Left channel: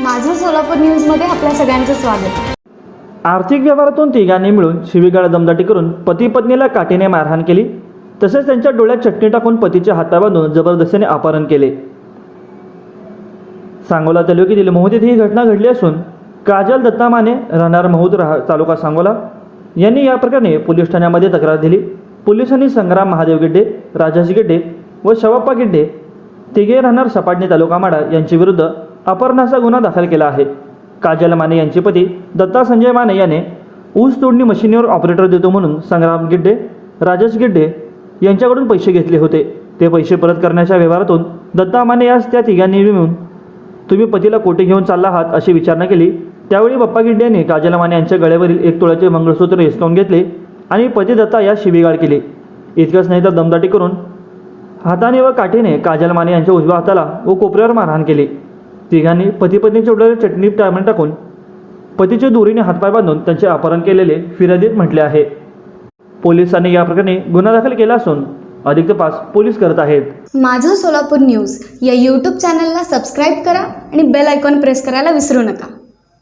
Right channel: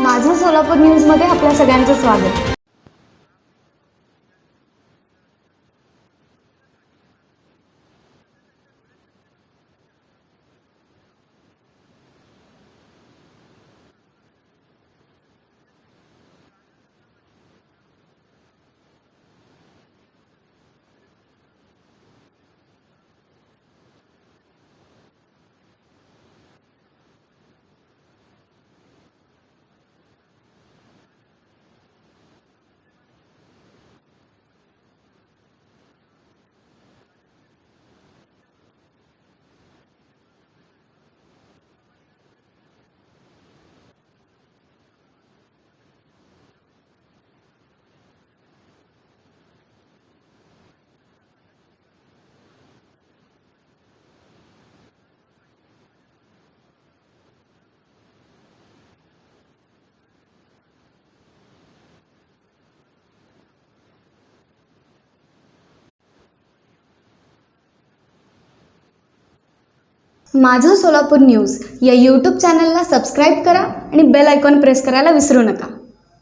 माझं सोलापूर न्यूजमध्ये आपल्या सगळ्यांचं स्वागत. आर्थिक व्यवहारातून तिघांनी मिळून शिवीगाळ दमदाटी करून पती पत्नीला काठीने मारहाण केली तसेच त्यांच्या डोळ्यात चटणी टाकून पतीच्या हाता बांधून जबरदस्तीने अपहरण केले. सांगोला तालुक्यातील मोहदीत ही घटना घडली असून काजल दत्ता माने राहणार महूद रहा तालुका सांगोला. यांनी या प्रकरणी पोलीस ठाण्यामध्ये तक्रार दिली. पोलिसांनी संग्राम महादेव गिड्डे राजाजी गिड्डे व शवप्पा गिड्डे तिघे राहणार सपाटणी तालुका माडा यांच्या विरुद्ध अपहरणाचा गुन्हा दाखल केला आहे. काजल माने यांचे पती दत्ता संजय माने याने ऊस तोडणी मशिनीवर ऑपरेटर देतो म्हणून संग्राम गिड्डे राजेश गिड्डे यांच्याकडून पैसे घेतले होते. ते पैसे परत करण्याच्या व्यवहारातून दत्ता माने यास त्या तिघांनी मिळून तुम्ही पतीला कोठे घेऊन चालला आहात अशी विचारणा केली. त्यावेळी बाप्पा गिड्डे यांनी काजल माने यांच्या गळ्यावरील एक तोळ्याचे मंगळसूत्र हिसकावून घेतले आणि पती दत्ता यास शिबिगाळ केली. इतकंच नाही तर दमदाटी करून हाताने व काठीने काजल माने यांच्या उजव्या हाताला व कोपऱ्यावर मारहाण केली. तिघांनी पतीपत्नी पत्नीच्या चटणी टाळमण टाकून पतीच्या दोरीने हातपाय बांधून त्यांचे अपहरण केलेले फिर्यादीत म्हटले आहे. पोलिसांनी या प्रकरणी गुन्हा दाखल केला असून अधिक तपास पोलीस करत आहेत. माझं सोलापूर न्यूज या यूट्यूब चॅनलला सबस्क्राईब करा आणि बेल आयकॉन प्रेस करायला विसरू नका.